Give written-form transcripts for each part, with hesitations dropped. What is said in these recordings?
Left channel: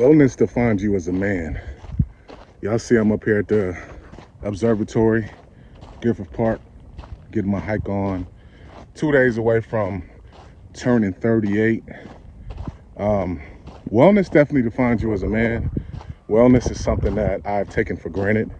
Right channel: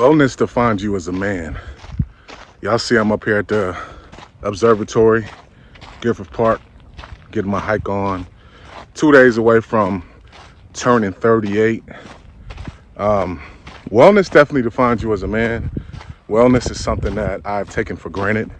Wellness defines you as a man. Y'all see I'm up here at the observatory, Gifford Park, getting my hike on. 2 days away from turning 38. Wellness definitely defines you as a man. Wellness is something that I've taken for granted.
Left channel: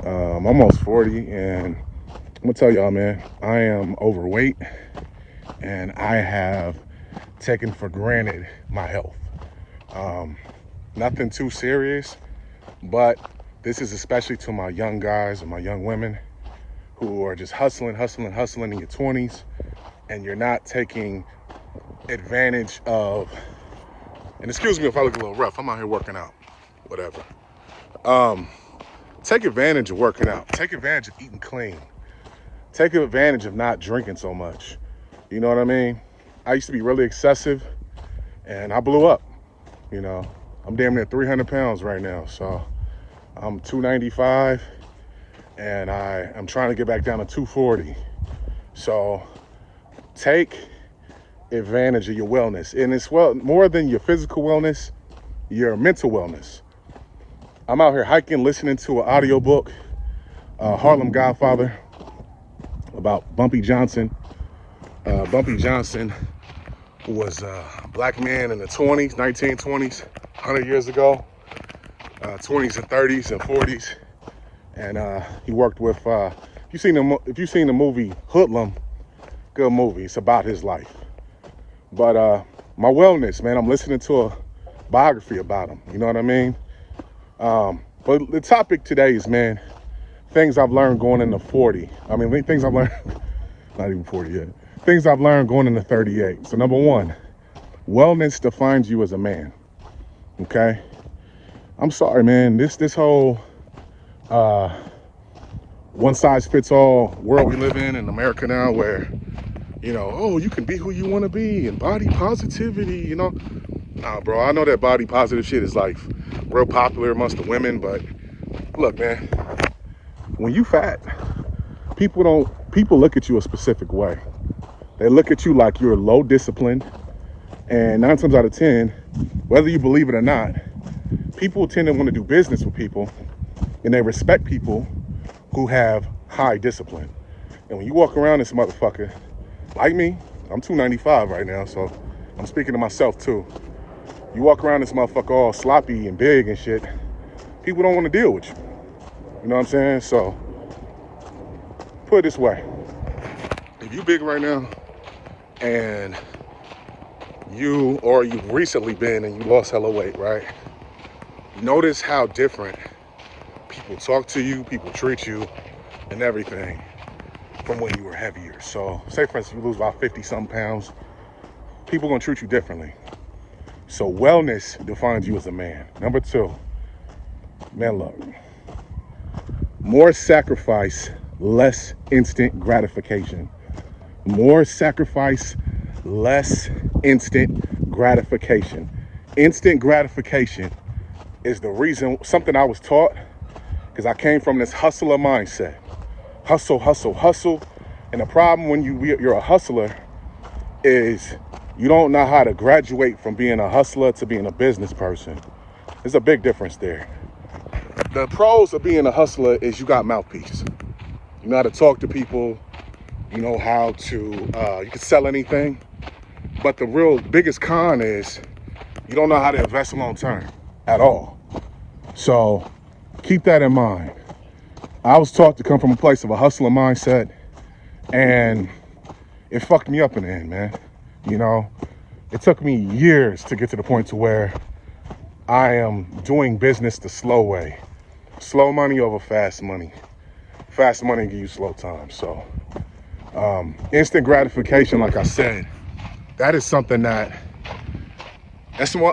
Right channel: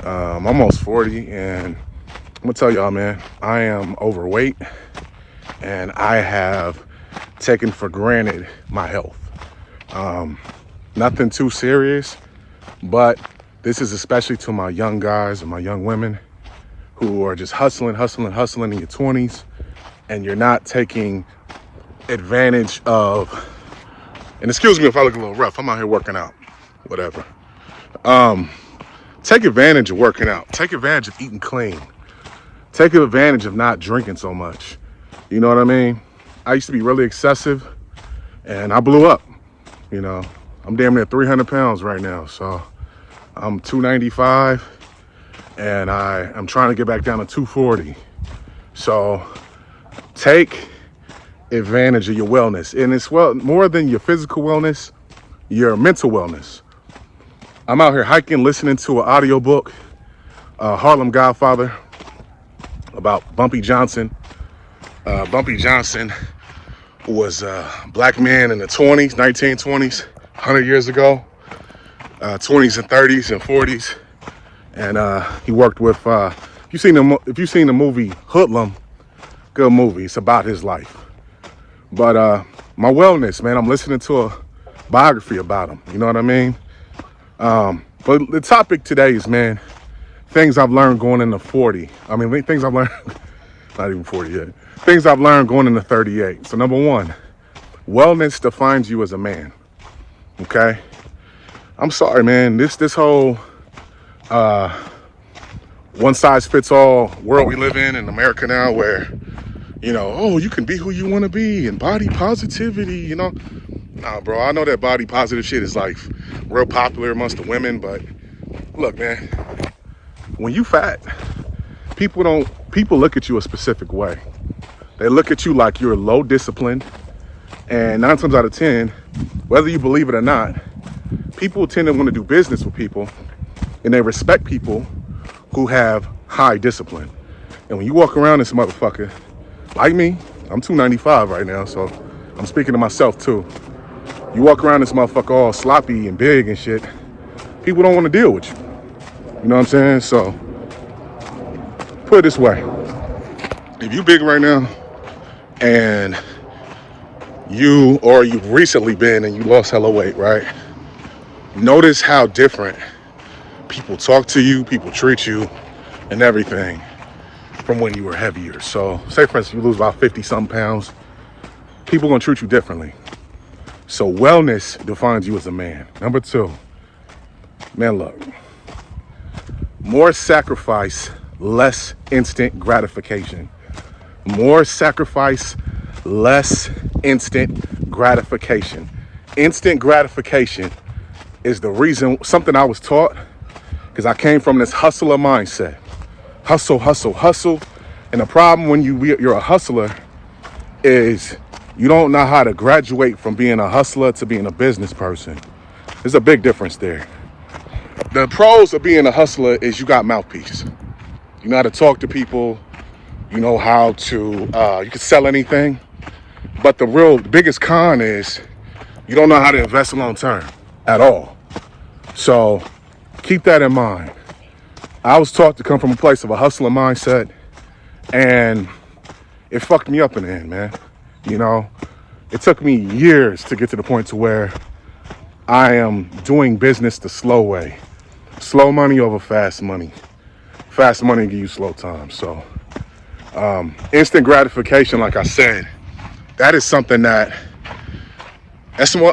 I'm almost 40, and I'm gonna tell y'all, man, I am overweight, and I have taken for granted my health. Nothing too serious, but this is especially to my young guys and my young women who are just hustling in your 20s, and you're not taking advantage of, and excuse me if I look a little rough, I'm out here working out, whatever. Take advantage of working out. Take advantage of eating clean. Take advantage of not drinking so much. You know what I mean? I used to be really excessive, and I blew up. You know, I'm damn near 300 pounds right now. So I'm 295, and I'm trying to get back down to 240. So take advantage of your wellness. And it's more than your physical wellness, your mental wellness. I'm out here hiking, listening to an audiobook, Harlem Godfather, about Bumpy Johnson. Bumpy Johnson was a black man in the 20s, 1920s, 100 years ago, 20s and 30s and 40s. And he worked with, if you've seen the movie Hoodlum, good movie. It's about his life. But my wellness, man, I'm listening to a biography about him. You know what I mean? But the topic today is, man, things I've learned going into 40. I mean, things I've learned, not even 40 yet. Things I've learned going into 38. So number one, wellness defines you as a man. Okay? I'm sorry, man. This whole one size fits all world we live in America now, where, you know, oh, you can be who you want to be and body positivity, you know. Nah, bro, I know that body positive shit is like real popular amongst the women, but look, man, when you fat, people look at you a specific way. They look at you like you're low disciplined, and 9 times out of 10, whether you believe it or not, people tend to want to do business with people, and they respect people who have high discipline. And when you walk around this motherfucker, like me, I'm 295 right now, so I'm speaking to myself too. You walk around this motherfucker all sloppy and big and shit, people don't want to deal with you. You know what I'm saying? So, put it this way. If you big right now, and you've recently been and you lost hella weight, right? Notice how different people talk to you, people treat you, and everything from when you were heavier. So, say for instance, you lose about 50-something pounds, people gonna treat you differently. So wellness defines you as a man. Number two, man, look, more sacrifice, less instant gratification. More sacrifice, less instant gratification. Instant gratification is the reason, something I was taught, because I came from this hustler mindset. Hustle, hustle, hustle. And the problem when you're a hustler is you don't know how to graduate from being a hustler to being a business person. There's a big difference there. The pros of being a hustler is you got mouthpiece. You know how to talk to people. You know how to, you can sell anything. But the biggest con is you don't know how to invest long term at all. So keep that in mind. I was taught to come from a place of a hustler mindset, and it fucked me up in the end, man. You know, it took me years to get to the point to where I am doing business the slow way. Slow money over fast money. Fast money give you slow time. So instant gratification, like I said, that is something that's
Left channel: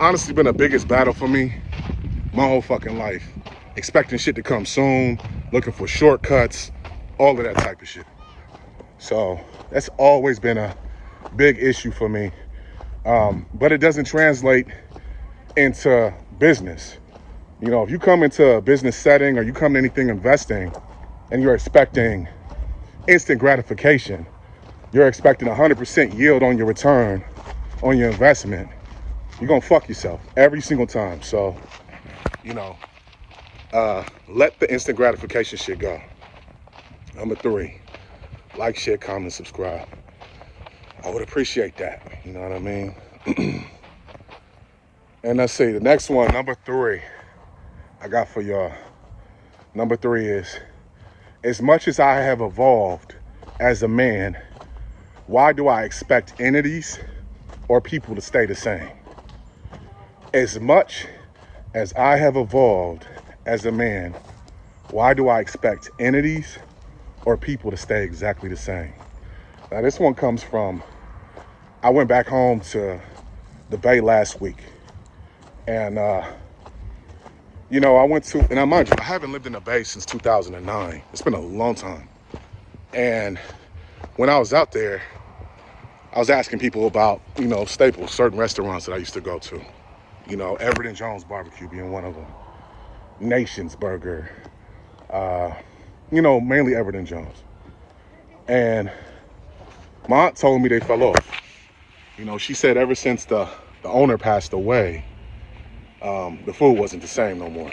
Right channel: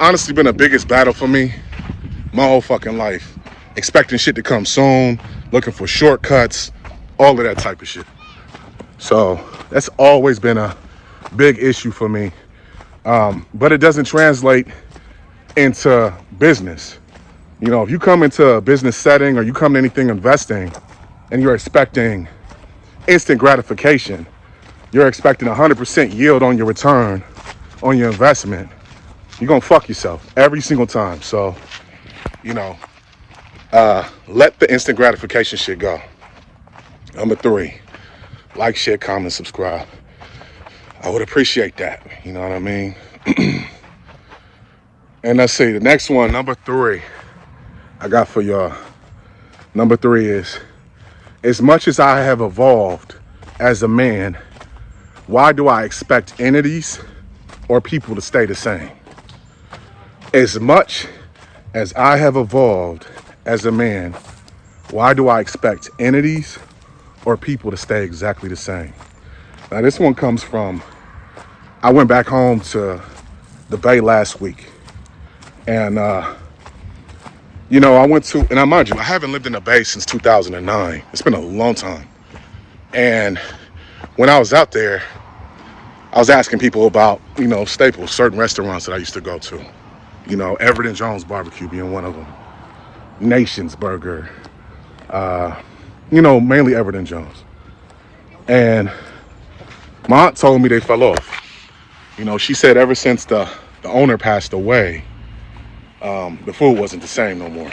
honestly been the biggest battle for me my whole fucking life. Expecting shit to come soon, looking for shortcuts, all of that type of shit. So that's always been a big issue for me. But it doesn't translate into business. You know, if you come into a business setting or you come to anything investing and you're expecting instant gratification, you're expecting 100% yield on your return on your investment, you're gonna fuck yourself every single time. So, you know, let the instant gratification shit go. Number 3, like, share, comment, subscribe. I would appreciate that. You know what I mean? And let's see, the next one, number 3, I got for y'all. Number 3 is, as much as I have evolved as a man, why do I expect entities or people to stay the same? As much as I have evolved as a man, why do I expect entities or people to stay exactly the same? Now, this one comes from, I went back home to the Bay last week. And, you know, I went to, and I mind you, I haven't lived in the Bay since 2009. It's been a long time. And when I was out there, I was asking people about, you know, staples, certain restaurants that I used to go to. You know, Everett and Jones Barbecue being one of them. Nation's Burger. You know, mainly Everett and Jones. And my aunt told me they fell off. You know, she said ever since the owner passed away, the food wasn't the same no more.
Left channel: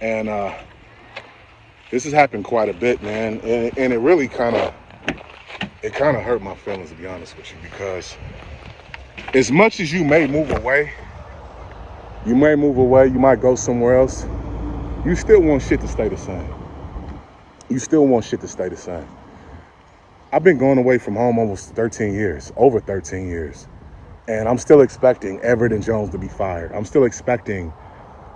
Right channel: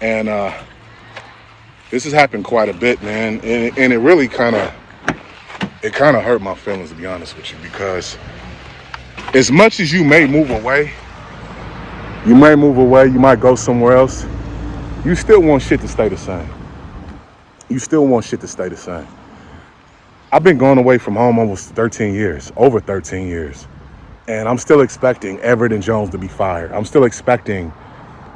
And this has happened quite a bit, man. And it really kind of hurt my feelings, to be honest with you, because as much as you may move away, you might go somewhere else, you still want shit to stay the same. You still want shit to stay the same. I've been going away from home almost 13 years, over 13 years. And I'm still expecting Everett and Jones to be fired. I'm still expecting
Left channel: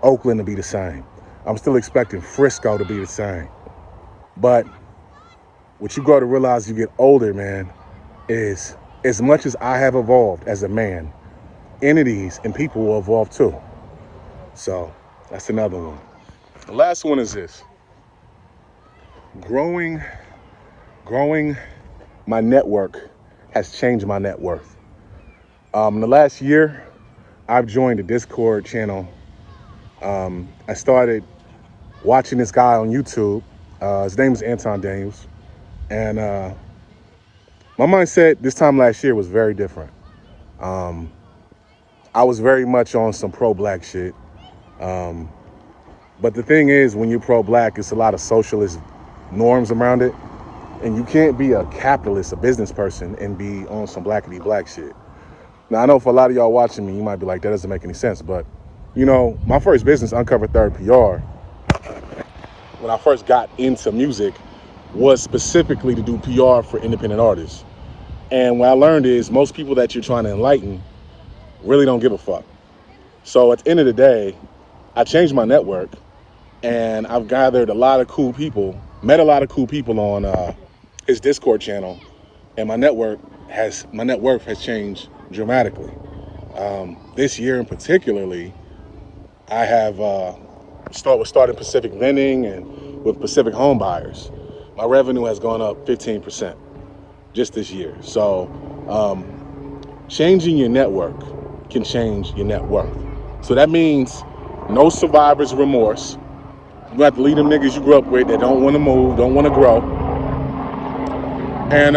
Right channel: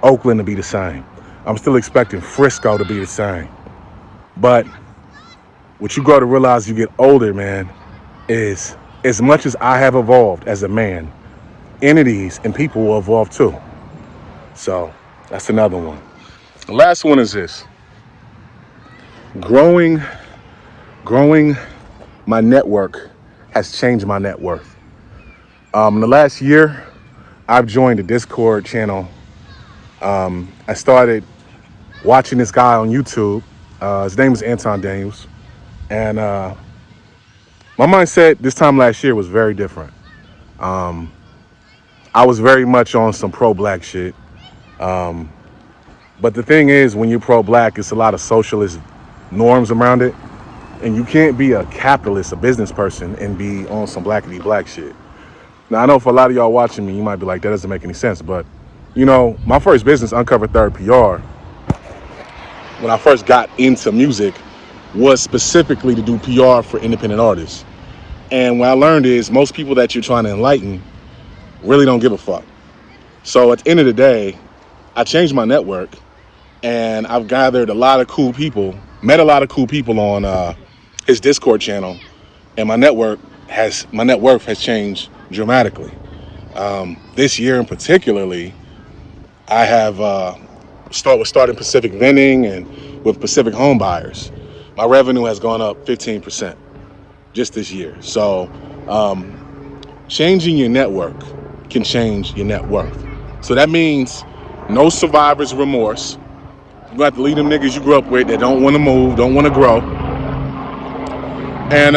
Oakland to be the same. I'm still expecting Frisco to be the same. But what you got to realize you get older, man, is as much as I have evolved as a man, entities and people will evolve too. So that's another one. The last one is this. Growing my network has changed my net worth. In the last year, I've joined a Discord channel. I started watching this guy on YouTube. His name is Anton Daniels. And my mindset this time last year was very different. I was very much on some pro-black shit. But the thing is, when you're pro-black, it's a lot of socialist norms around it. And you can't be a capitalist, a business person, and be on some blackity black shit. Now, I know for a lot of y'all watching me, you might be like, that doesn't make any sense. But, you know, my first business, Uncovered Third PR, when I first got into music, was specifically to do PR for independent artists. And what I learned is most people that you're trying to enlighten really don't give a fuck. So at the end of the day, I changed my network, and I've gathered a lot of cool people, met a lot of cool people on his Discord channel, and my net worth has changed dramatically. This year in particularly, I have started Pacific Vending and with Pacific Home Buyers. My revenue has gone up 15% just this year. So changing your network can change your net worth. So that means no survivor's remorse. You got to leave them niggas you grew up with that don't want to move, don't want to grow. And,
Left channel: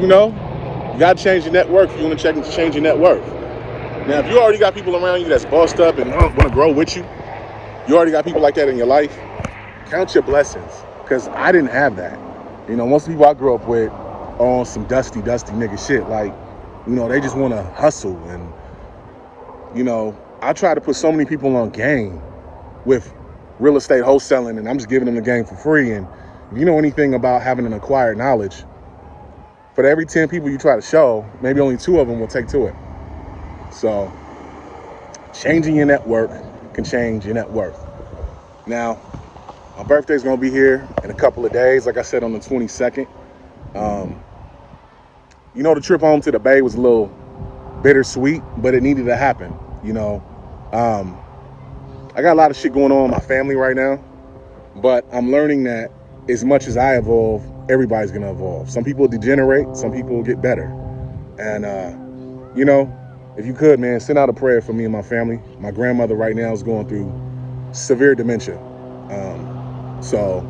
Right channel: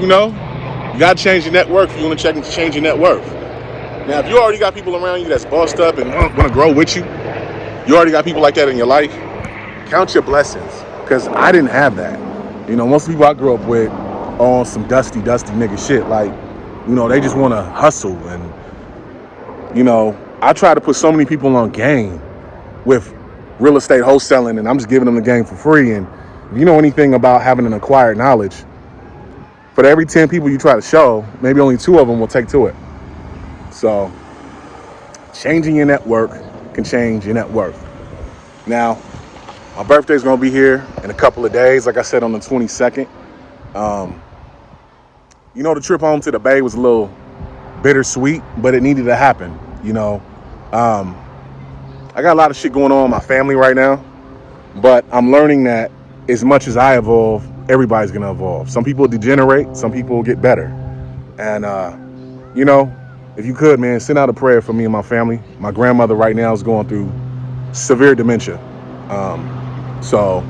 you know, you got to change your net worth if you want to change your net worth. Now, if you already got people around you that's bossed up and want to grow with you, you already got people like that in your life, count your blessings, because I didn't have that. You know, most people I grew up with on some dusty nigga shit. Like, you know, they just want to hustle. And, you know, I try to put so many people on game with real estate wholesaling, and I'm just giving them the game for free. And if you know anything about having an acquired knowledge, for every 10 people you try to show, maybe only 2 of them will take to it. So changing your network can change your net worth. Now, my birthday's gonna be here in a couple of days, like I said, on the 22nd. You know, the trip home to the Bay was a little bittersweet, but it needed to happen. You know, I got a lot of shit going on in my family right now, but I'm learning that as much as I evolve, everybody's gonna evolve. Some people degenerate, some people get better. And, you know, if you could, man, send out a prayer for me and my family. My grandmother right now is going through severe dementia. So,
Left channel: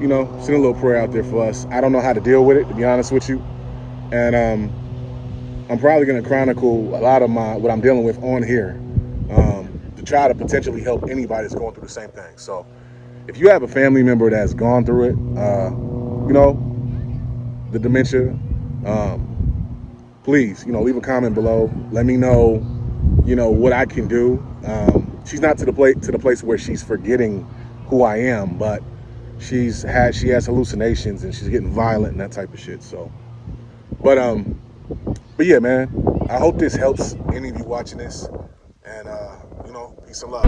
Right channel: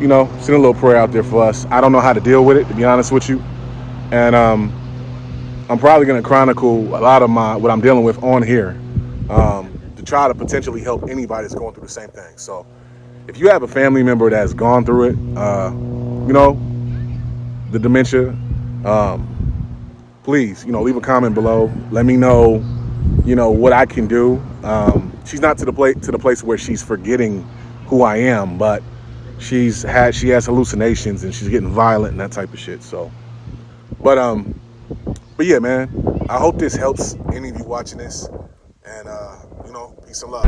you know, send a little prayer out there for us. I don't know how to deal with it, to be honest with you. And I'm probably going to chronicle a lot of what I'm dealing with on here, to try to potentially help anybody that's going through the same thing. So if you have a family member that's gone through it, the dementia, please, leave a comment below. Let me know, what I can do. She's not to the place where she's forgetting who I am, but she has hallucinations and she's getting violent and that type of shit. So, but yeah, man, I hope this helps any of you watching this, and peace and love.